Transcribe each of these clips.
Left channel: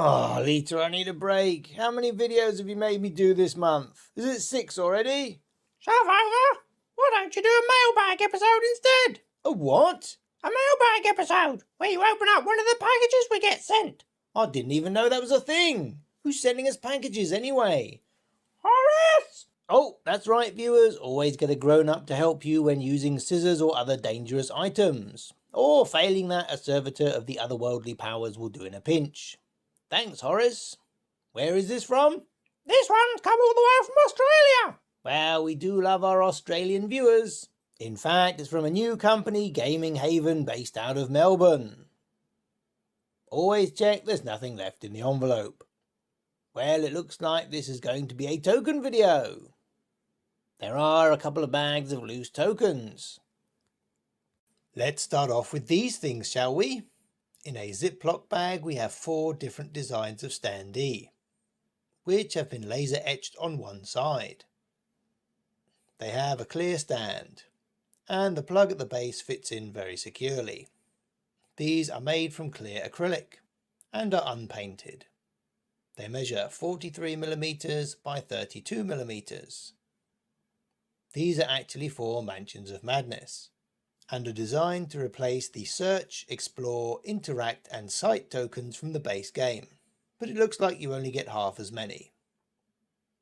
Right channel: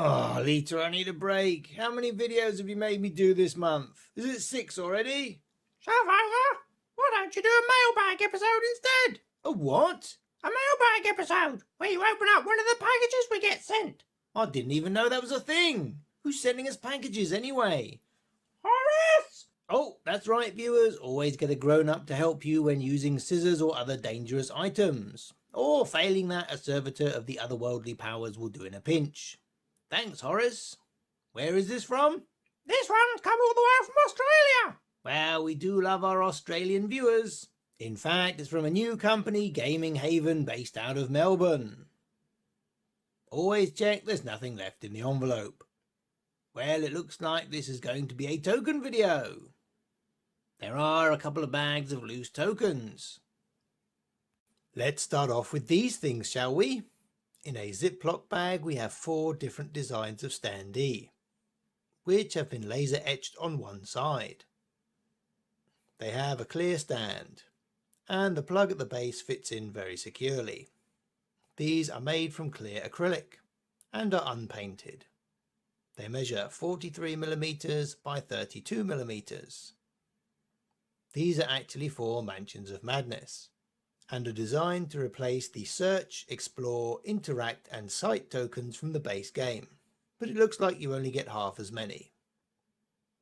Oh, Lita, I need a break. How many videos have you made me do this month? Is it 6 already? Survivor, why don't you do a mailbag episode instead? A what? A mailbag episode, where you open up one of the packages we get sent. I didn't even know that was a thing. Who's sending us packages anyway? Horace! Oh, that's right, viewers. Always get a grown-up to help you when using scissors or other dangerous items. Or, failing that, a servitor of the otherworldly powers will do in a pinch. Thanks, Horace. Where is this from? This one's come all the way from Australia. Well, we do love our Australian viewers. In fact, it's from a new company, Gaming Haven, based out of Melbourne. Always check there's nothing left in the envelope. Well, it looks like this is going to be a token video. There are a couple of bags of loose tokens. Let's start off with these things, shall we? In a Ziploc bag we have 4 different designs of standee, which have been laser etched on one side. They have a clear stand, and the plug at the base fits in very securely. These are made from clear acrylic, and are unpainted. They measure 43mm by 32mm. These are actually for Mansions of Madness, and are designed to replace the Search, Explore, Interact and Sight tokens from the base game, but it looks like you only get half as many.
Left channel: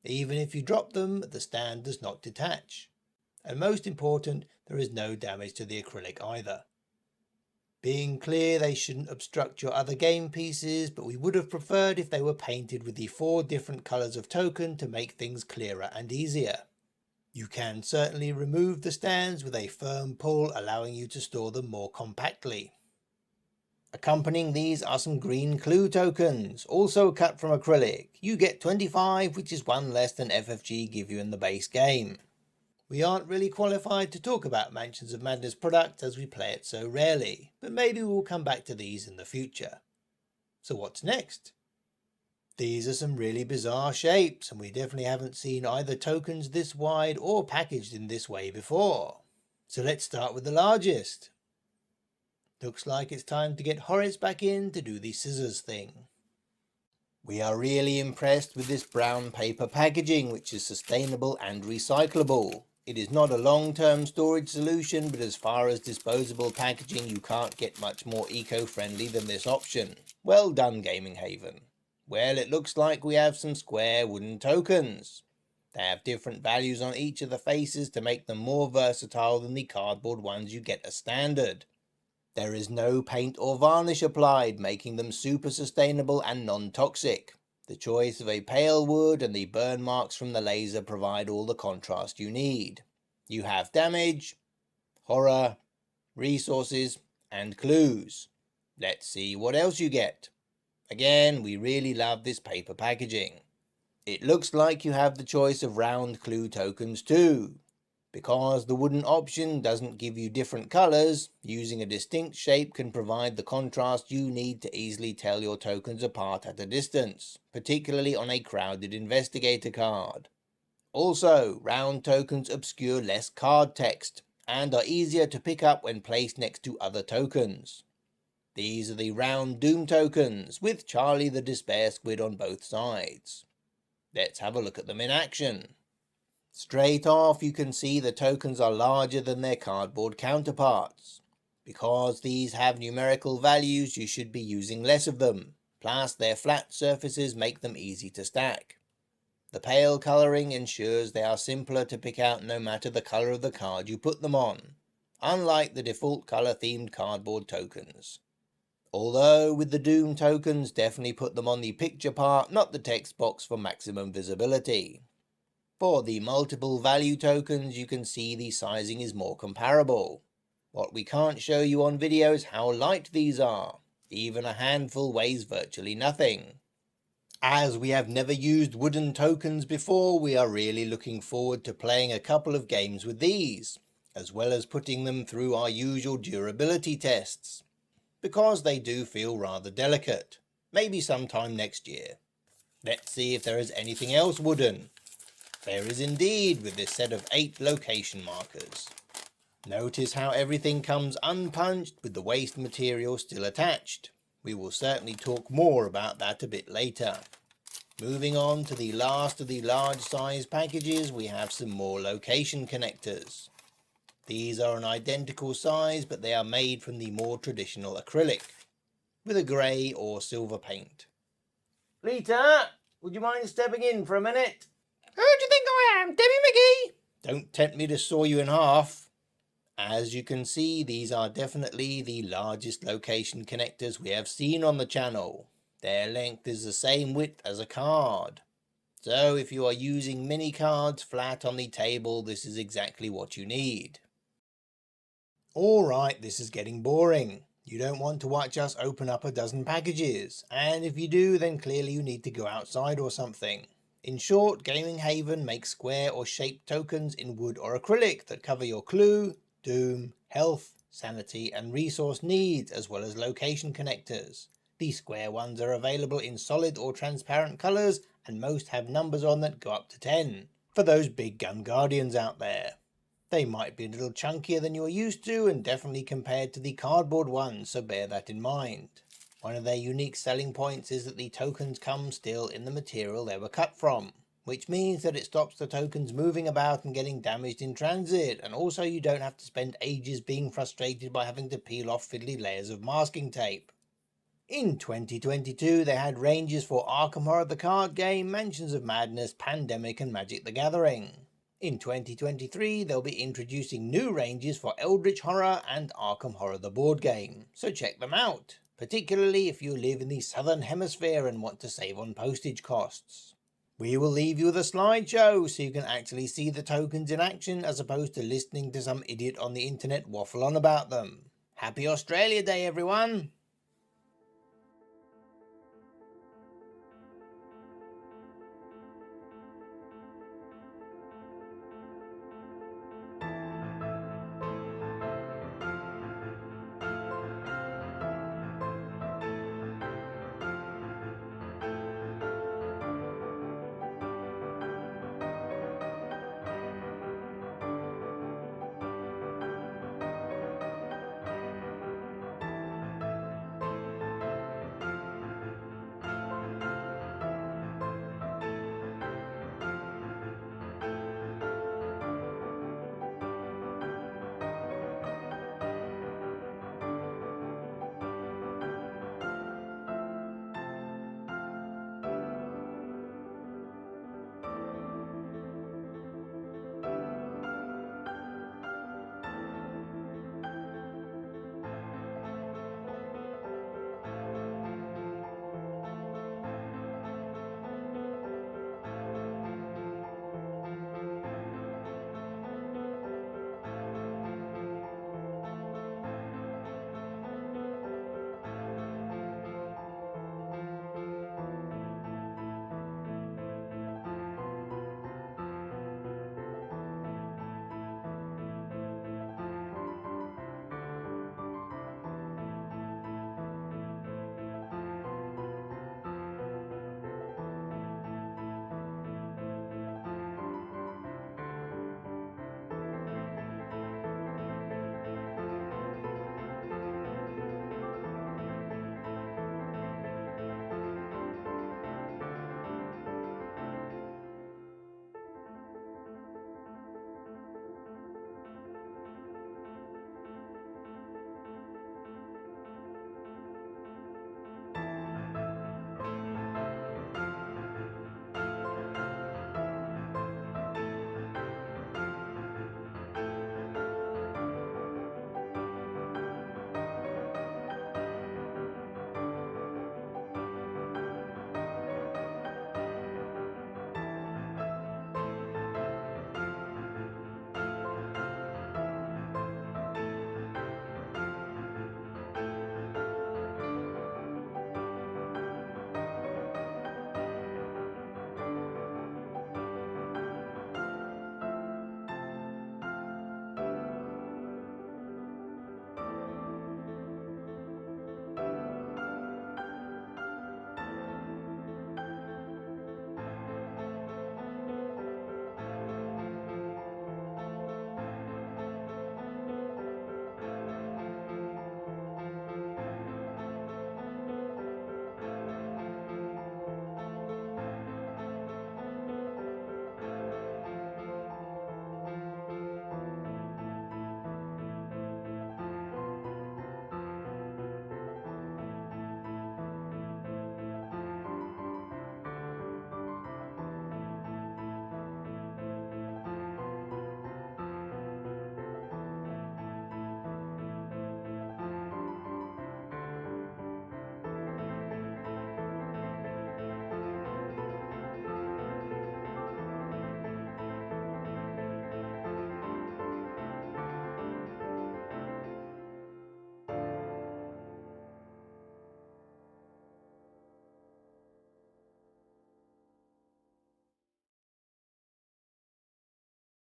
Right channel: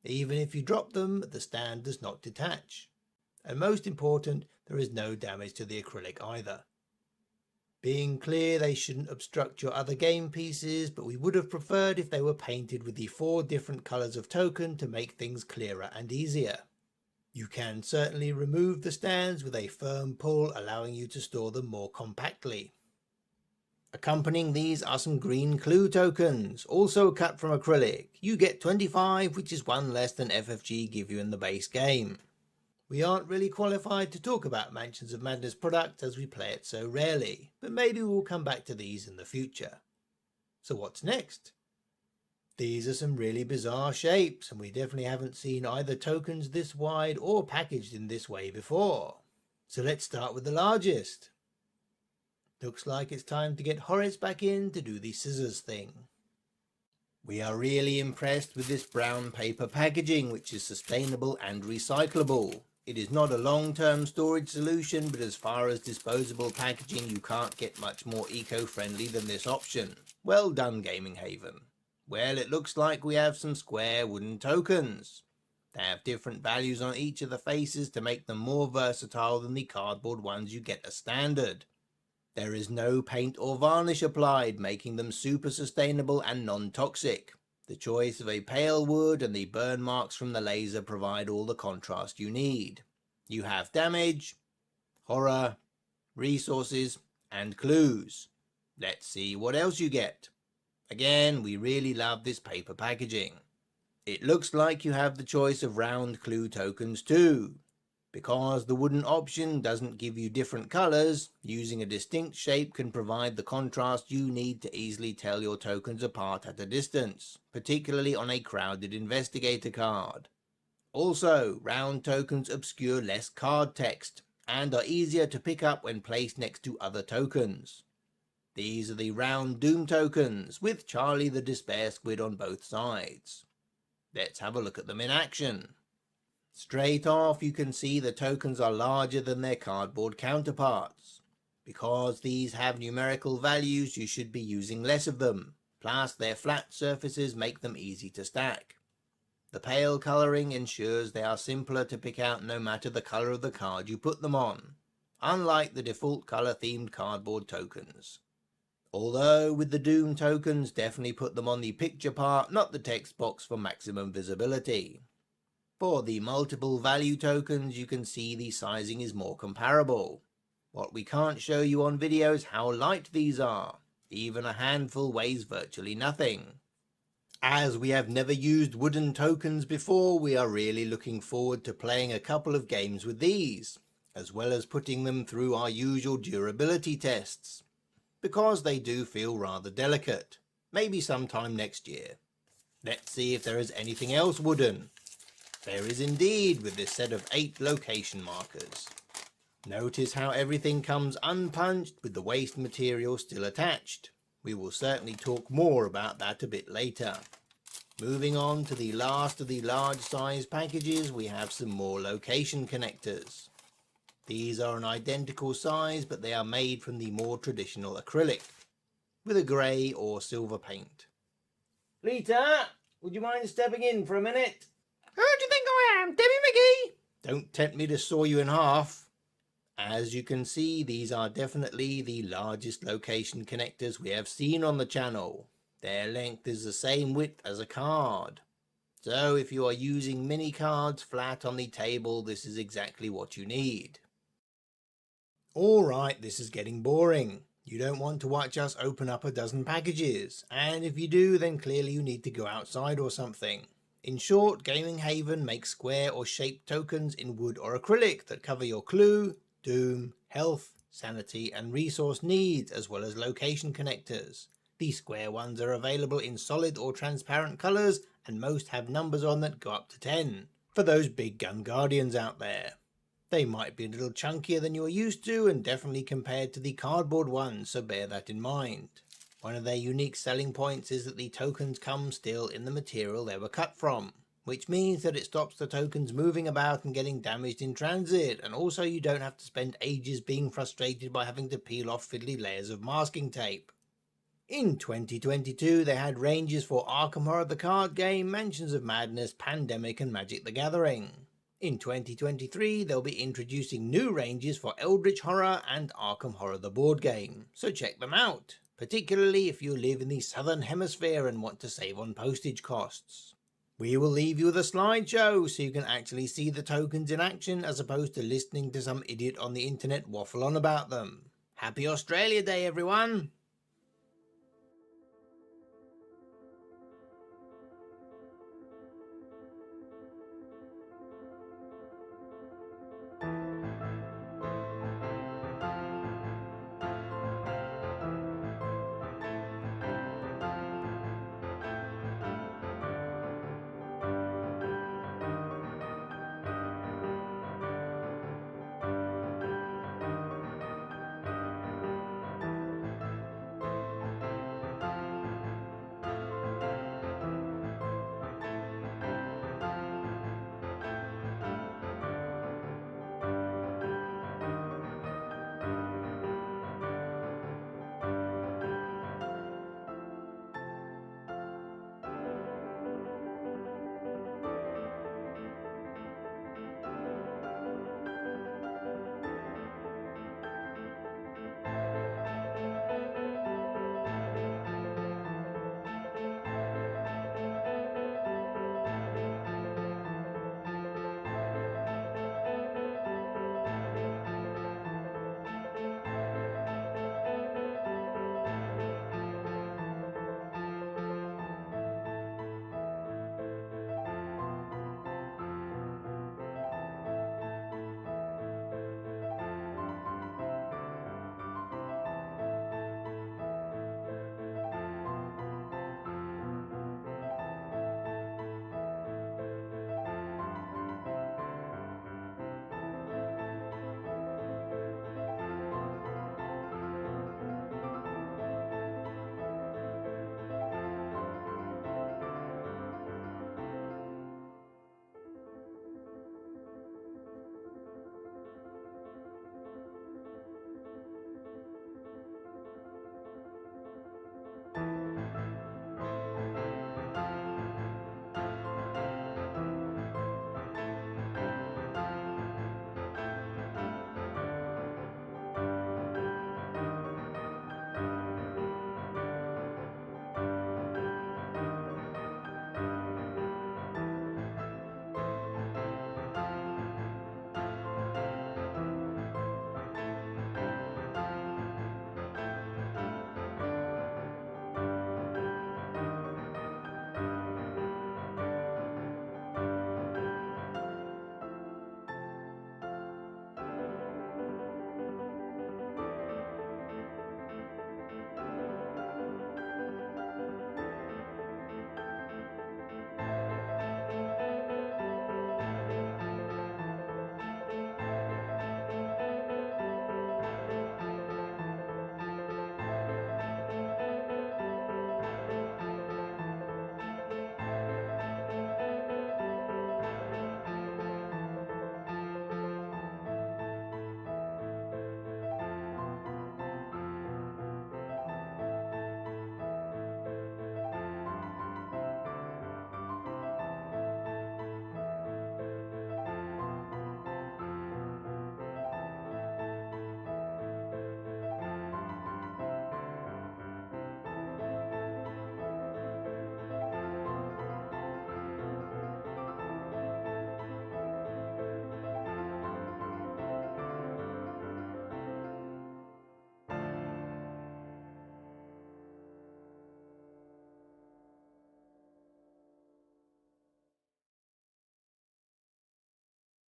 Even if you drop them, the stand does not detach, and most important, there is no damage to the acrylic either. Being clear, they shouldn't obstruct your other game pieces, but we would have preferred if they were painted with the 4 different colours of token to make things clearer and easier. You can certainly remove the stands with a firm pull, allowing you to store them more compactly. Accompanying these are some green clue tokens, also cut from acrylic. You get 25, which is 1 less than FFG give you in the base game. We aren't really qualified to talk about Mansions of Madness product as we play it so rarely, but maybe we'll come back to these in the future. So what's next? These are some really bizarre shapes, and we definitely haven't seen either tokens this wide or packaged in this way before. So let's start with the largest. Looks like it's time to get Horace back in to do the scissors thing. We are really impressed with this brown paper packaging, which is sustainable and recyclable. It is not a long-term storage solution, but as far as disposable packaging, you can't get much more eco-friendly than this option. Well done, Gaming Haven. Well, it looks like we have some square wooden tokens. They have different values on each of the faces to make them more versatile than the cardboard ones you get as standard. There is no paint or varnish applied, making them super sustainable and non-toxic. The choice of a pale wood and the burn marks from the laser provide all the contrast you need. You have damage, horror, resources, and clues. Let's see what else you get. Again, we really love this paper packaging. It looks like you have the choice of round clue tokens too. Because the wooden option doesn't give you different colours, using a distinct shape can provide the contrast you need to easily tell your tokens apart at a distance, particularly on a crowded investigator card. Also, round tokens obscure less card text, and are easier to pick up when placed next to other tokens. These are the round Doom tokens, with Charlie the Despair Squid on both sides. Let's have a look at them in action. Straight off, you can see the tokens are larger than their cardboard counterparts. Because these have numerical values, you should be using less of them, plus their flat surfaces make them easy to stack. The pale colouring ensures they are simpler to pick out no matter the colour of the card you put them on, unlike the default colour themed cardboard tokens. Although with the Doom tokens, definitely put them on the picture part, not the text box for maximum visibility. For the multiple value tokens, you can see the sizing is more comparable. What we can't show you on video is how light these are. Even a handful weighs virtually nothing. As we have never used wooden tokens before, we are really looking forward to playing a couple of games with these, as well as putting them through our usual durability tests, because they do feel rather delicate. Maybe sometime next year. Let's see if there is anything else wooden. There is indeed, with this set of 8 location markers. Notice how everything comes unpunched with the waste material still attached, We will certainly talk more about that a bit later. Moving on to the last of the large size packages, we have some more location connectors. These are an identical size, but they are made from the more traditional acrylic, with a grey or silver paint. Lita, would you mind stepping in for a minute? Who do you think I am, Debbie McGee? Don't tempt me to saw you in half. As you can see, these are definitely the largest location connectors we have seen on the channel. Their length is the same width as a card. So if you are using mini cards flat on the table, this is exactly what you need. Alright, this is getting boring. You don't want to watch us open up a dozen packages, and if you do, then clearly you need to go outside or something. In short, Gaming Haven makes square or shaped tokens in wood or acrylic that cover your clue, doom, health, sanity and resource needs, as well as location connectors. These square ones are available in solid or transparent colours, and most have numbers on that go up to 10, for those big gun guardians out there. They might be a little chunkier than you're used to, and definitely compared to the cardboard ones, so bear that in mind. One of their unique selling points is that the tokens come still in the material they were cut from, which means that it stops the tokens moving about and getting damaged in transit, and also you don't have to spend ages being frustrated by having to peel off fiddly layers of masking tape. In 2022 they had ranges for Arkham Horror the card game, Mansions of Madness, Pandemic and Magic the Gathering. In 2023 they'll be introducing new ranges for Eldritch Horror and Arkham Horror the board game, so check them out, particularly if you live in the southern hemisphere and want to save on postage costs. We will leave you with a slideshow so you can actually see the tokens in action as opposed to listening to some idiot on the internet waffle on about them. Happy Australia Day everyone!